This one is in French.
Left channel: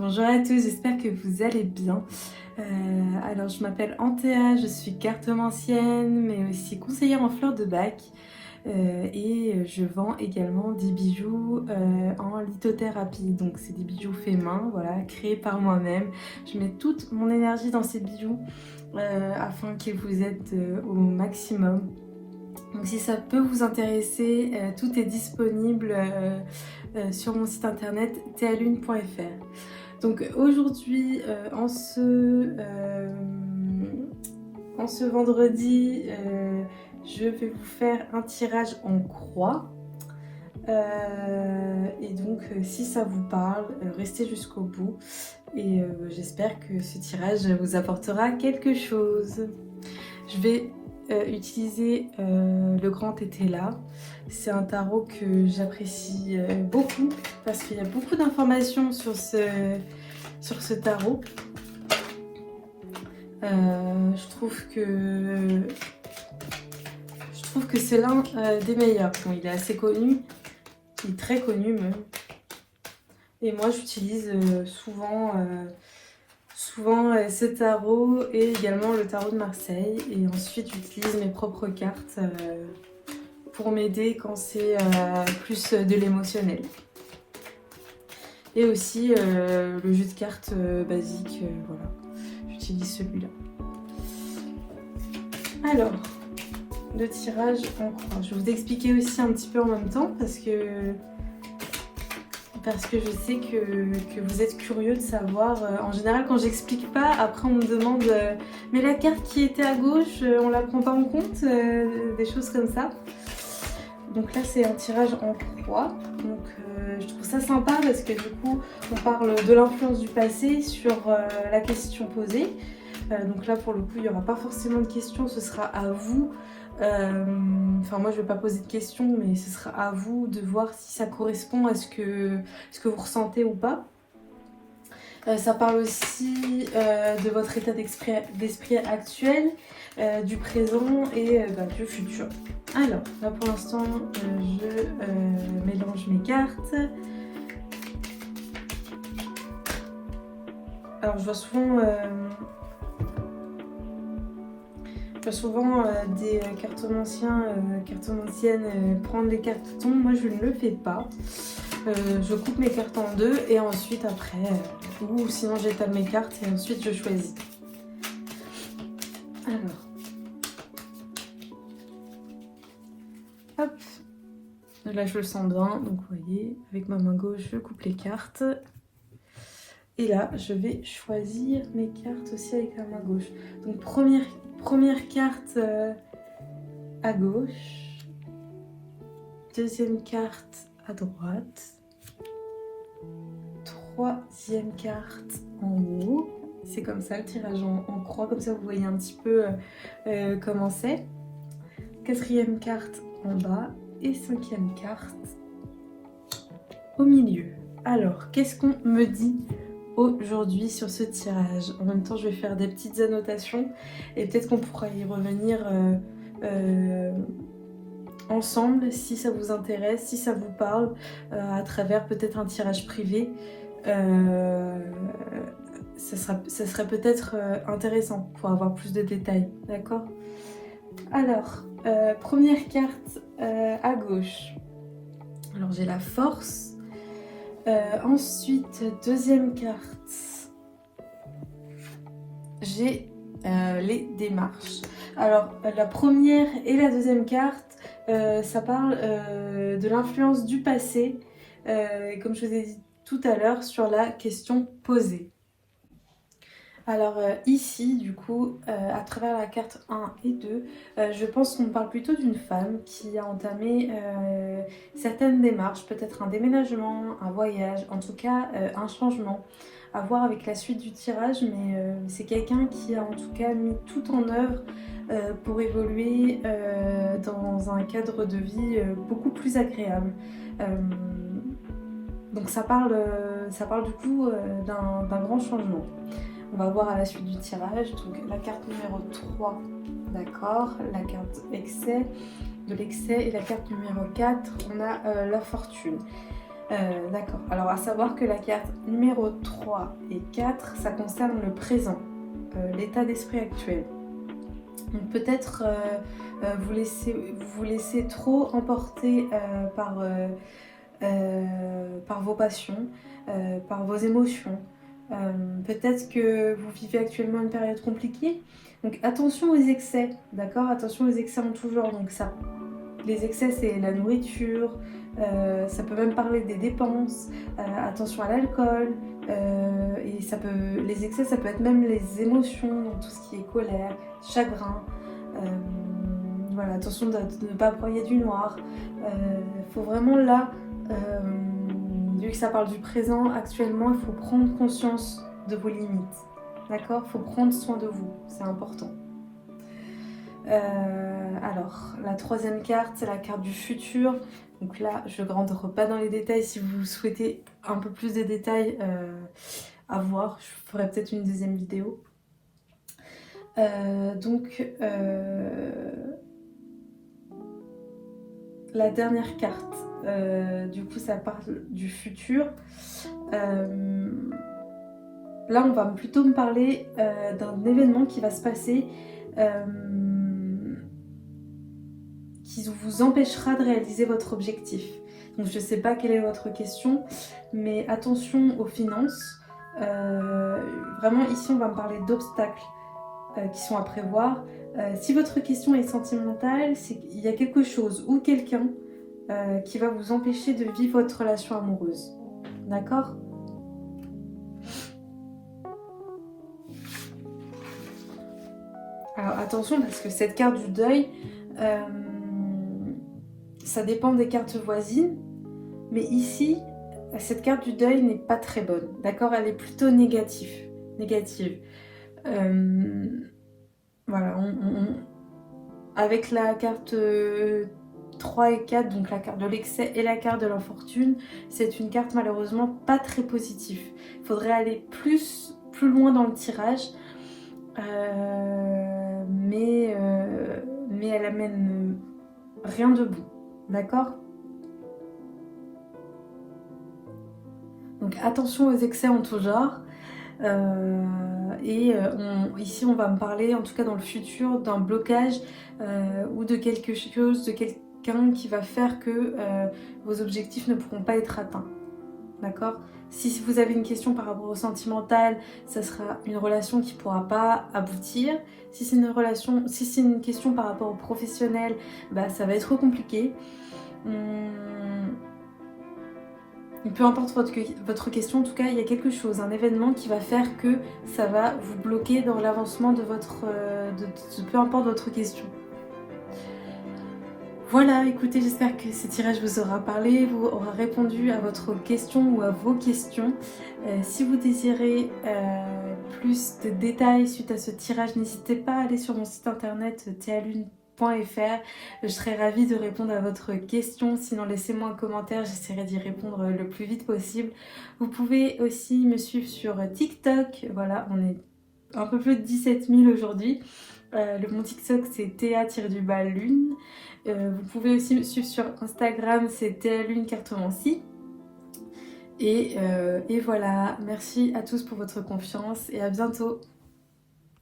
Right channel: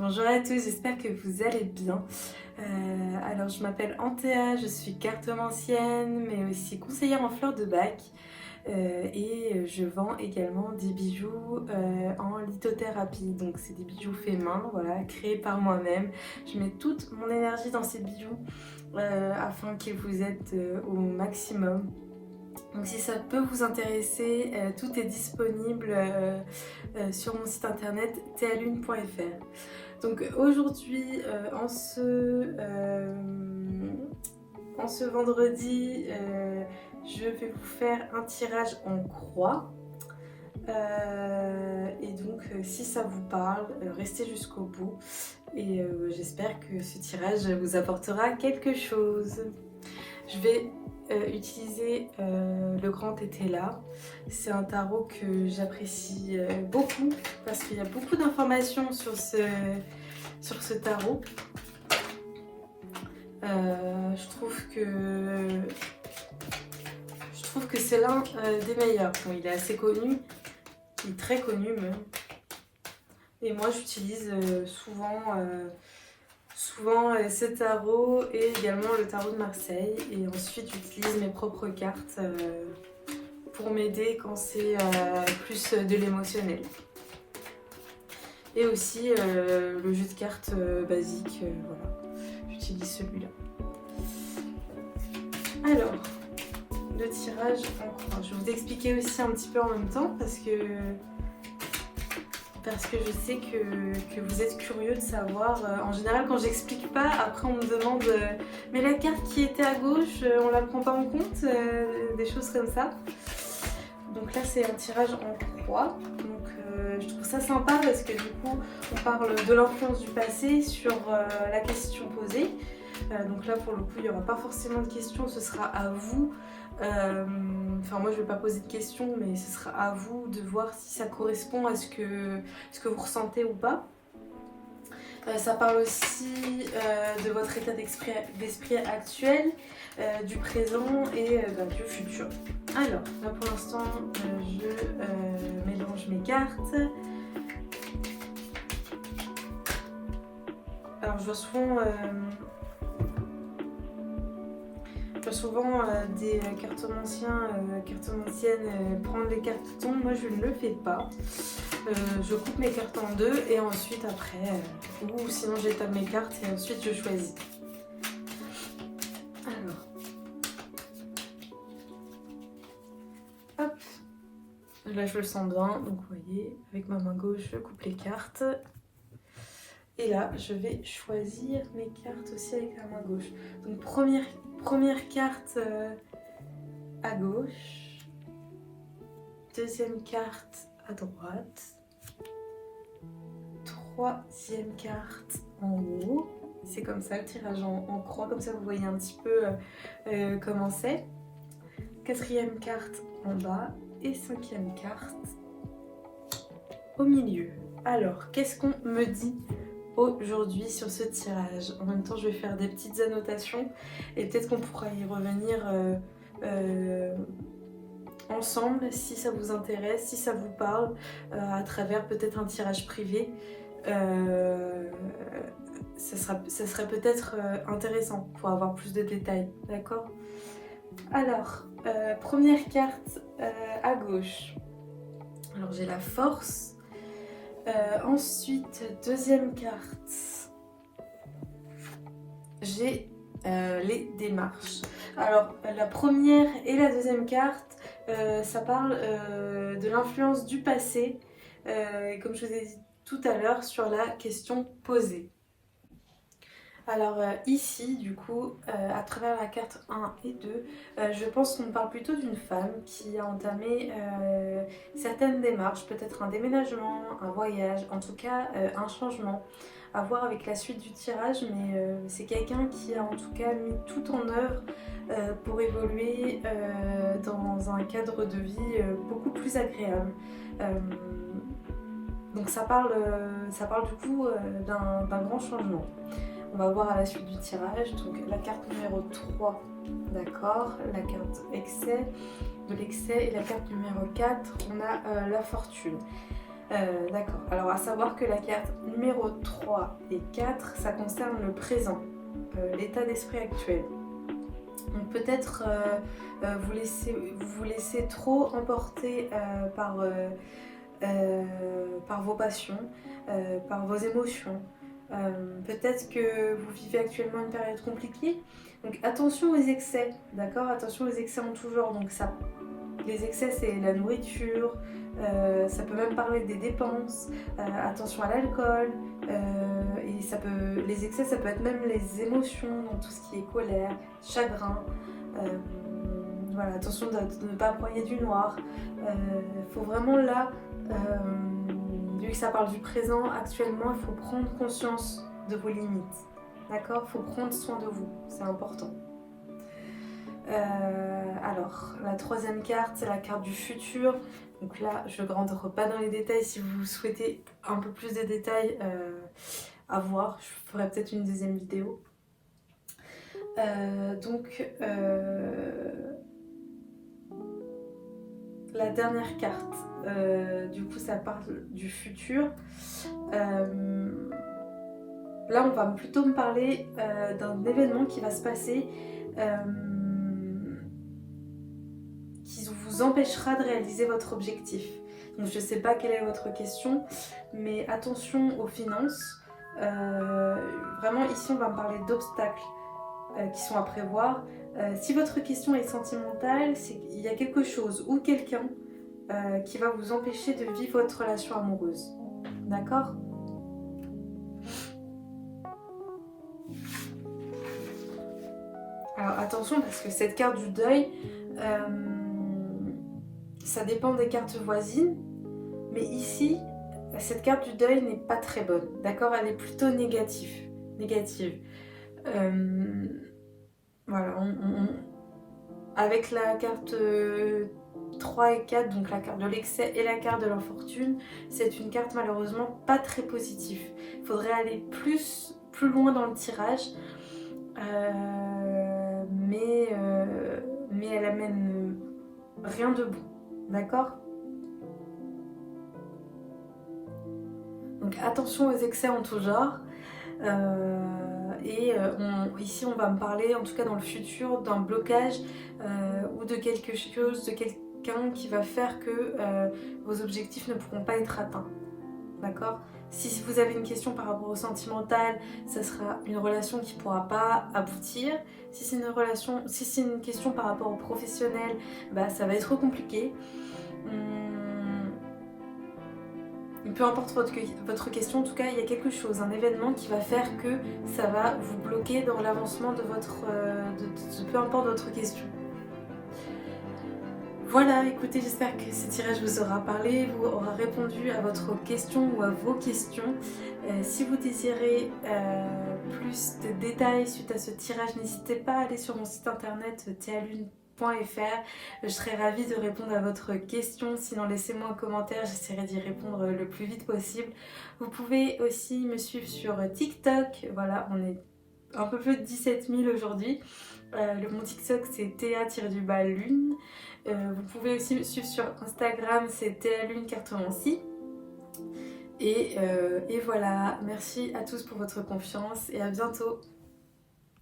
Bonjour à tous, j'espère que vous allez bien. Alors je m'appelle Antea, je suis cartomancienne mais aussi conseillère en fleurs de bac et je vends également des bijoux en lithothérapie. Donc c'est des bijoux faits main, voilà, créés par moi-même. Je mets toute mon énergie dans ces bijoux afin que vous êtes au maximum. Donc si ça peut vous intéresser, tout est disponible sur mon site internet tealune.fr. Donc aujourd'hui, en ce vendredi, je vais vous faire un tirage en croix. Et donc si ça vous parle, restez jusqu'au bout. Et j'espère que ce tirage vous apportera quelque chose. Je vais utiliser le grand Tétela. C'est un tarot que j'apprécie beaucoup parce qu'il y a beaucoup d'informations sur ce tarot. Je trouve que c'est l'un des meilleurs. Bon, il est assez connu, il est très connu même. Et moi j'utilise souvent ce tarot et également le tarot de Marseille. Et ensuite j'utilise mes propres cartes pour m'aider quand c'est plus de l'émotionnel. Et aussi le jeu de cartes basique, voilà. J'utilise celui-là. Alors, le tirage en croix. Je vais vous expliquer aussi un petit peu en même temps parce que je sais que vous êtes curieux de savoir. En général, quand j'explique pas, après on me demande mais la carte qui était à gauche, on la prend pas en compte, des choses comme ça. Donc là, c'est un tirage en croix. Donc je trouve ça sympa parce que du coup, on parle de l'influence du passé sur la question posée. Donc là, pour le coup, il n'y aura pas forcément de questions, ce sera à vous. Enfin, moi, je ne vais pas poser de questions, mais ce sera à vous de voir si ça correspond à ce que vous ressentez ou pas. Ça parle aussi de votre état d'esprit actuel, du présent et du futur. Alors, là pour l'instant, je mélange mes cartes. Alors, je vois souvent des cartomanciens, cartomanciennes prendre les cartes qui tombent. Moi, je ne le fais pas. Je coupe mes cartes en deux et ensuite après, ou sinon j'étale mes cartes et ensuite je choisis. Alors, hop, là je le sens bien, donc vous voyez, avec ma main gauche je coupe les cartes. Et là je vais choisir mes cartes aussi avec la main gauche. Donc première carte à gauche, deuxième carte à droite, troisième carte en haut. C'est comme ça le tirage en croix, comme ça vous voyez un petit peu comment c'est. Quatrième carte en bas et cinquième carte au milieu. Alors, qu'est-ce qu'on me dit aujourd'hui sur ce tirage? En même temps, je vais faire des petites annotations et peut-être qu'on pourra y revenir ensemble si ça vous intéresse, si ça vous parle, à travers peut-être un tirage privé. Ça serait peut-être intéressant pour avoir plus de détails, d'accord? Alors, première carte à gauche. Alors j'ai la force. Ensuite, deuxième carte, j'ai les démarches. Alors la première et la deuxième carte, ça parle de l'influence du passé, comme je vous ai dit tout à l'heure, sur la question posée. Alors ici, du coup, à travers la carte 1 et 2, je pense qu'on parle plutôt d'une femme qui a entamé certaines démarches, peut-être un déménagement, un voyage, en tout cas un changement, à voir avec la suite du tirage, mais c'est quelqu'un qui a en tout cas mis tout en œuvre pour évoluer dans un cadre de vie beaucoup plus agréable. Donc ça parle du coup d'un grand changement. On va voir à la suite du tirage. Donc la carte numéro 3, d'accord, la carte de l'excès et la carte numéro 4, on a la fortune. D'accord. Alors à savoir que la carte numéro 3 et 4, ça concerne le présent, l'état d'esprit actuel. Donc peut-être vous laissez trop emporter par vos passions, par vos émotions. Peut-être que vous vivez actuellement une période compliquée. Donc attention aux excès, d'accord? Attention aux excès en tout genre. Donc ça, les excès, c'est la nourriture, ça peut même parler des dépenses, attention à l'alcool, et les excès, ça peut être même les émotions, donc tout ce qui est colère, chagrin. Voilà, attention de ne pas broyer du noir. Il faut vraiment là, vu que ça parle du présent, actuellement, il faut prendre conscience de vos limites. D'accord? Il faut prendre soin de vous, c'est important. Alors, la troisième carte, c'est la carte du futur. Donc là, je ne rentre pas dans les détails. Si vous souhaitez un peu plus de détails à voir, je ferai peut-être une deuxième vidéo. La dernière carte, du coup, ça parle du futur. Là, on va plutôt me parler d'un événement qui va se passer qui vous empêchera de réaliser votre objectif. Donc je ne sais pas quelle est votre question, mais attention aux finances. Vraiment ici on va me parler d'obstacles qui sont à prévoir. Si votre question est sentimentale, c'est qu'il y a quelque chose ou quelqu'un qui va vous empêcher de vivre votre relation amoureuse. D'accord ? Alors attention parce que cette carte du deuil, ça dépend des cartes voisines, mais ici, cette carte du deuil n'est pas très bonne, d'accord? Elle est plutôt négative. Voilà, avec la carte 3 et 4, donc la carte de l'excès et la carte de l'infortune, c'est une carte malheureusement pas très positive. Il faudrait aller plus loin dans le tirage, mais elle amène rien de bon. D'accord? Donc attention aux excès en tout genre. Ici on va me parler, en tout cas dans le futur, d'un blocage ou de quelque chose, de quelqu'un qui va faire que vos objectifs ne pourront pas être atteints. D'accord? Si vous avez une question par rapport au sentimental, ça sera une relation qui ne pourra pas aboutir. Si c'est une question par rapport au professionnel, bah, ça va être compliqué. Peu importe votre question, en tout cas, il y a quelque chose, un événement qui va faire que ça va vous bloquer dans l'avancement de peu importe votre question. Voilà, écoutez, j'espère que ce tirage vous aura parlé, vous aura répondu à votre question ou à vos questions. Si vous désirez plus de détails suite à ce tirage, n'hésitez pas à aller sur mon site internet tealune.fr. Je serai ravie de répondre à votre question. Sinon, laissez-moi un commentaire, j'essaierai d'y répondre le plus vite possible. Vous pouvez aussi me suivre sur TikTok. Voilà, on est un peu plus de 17 000 aujourd'hui. Mon TikTok, c'est Théa-Lune. Vous pouvez aussi me suivre sur Instagram, c'est tealune-cartomancie. Et voilà, merci à tous pour votre confiance et à bientôt.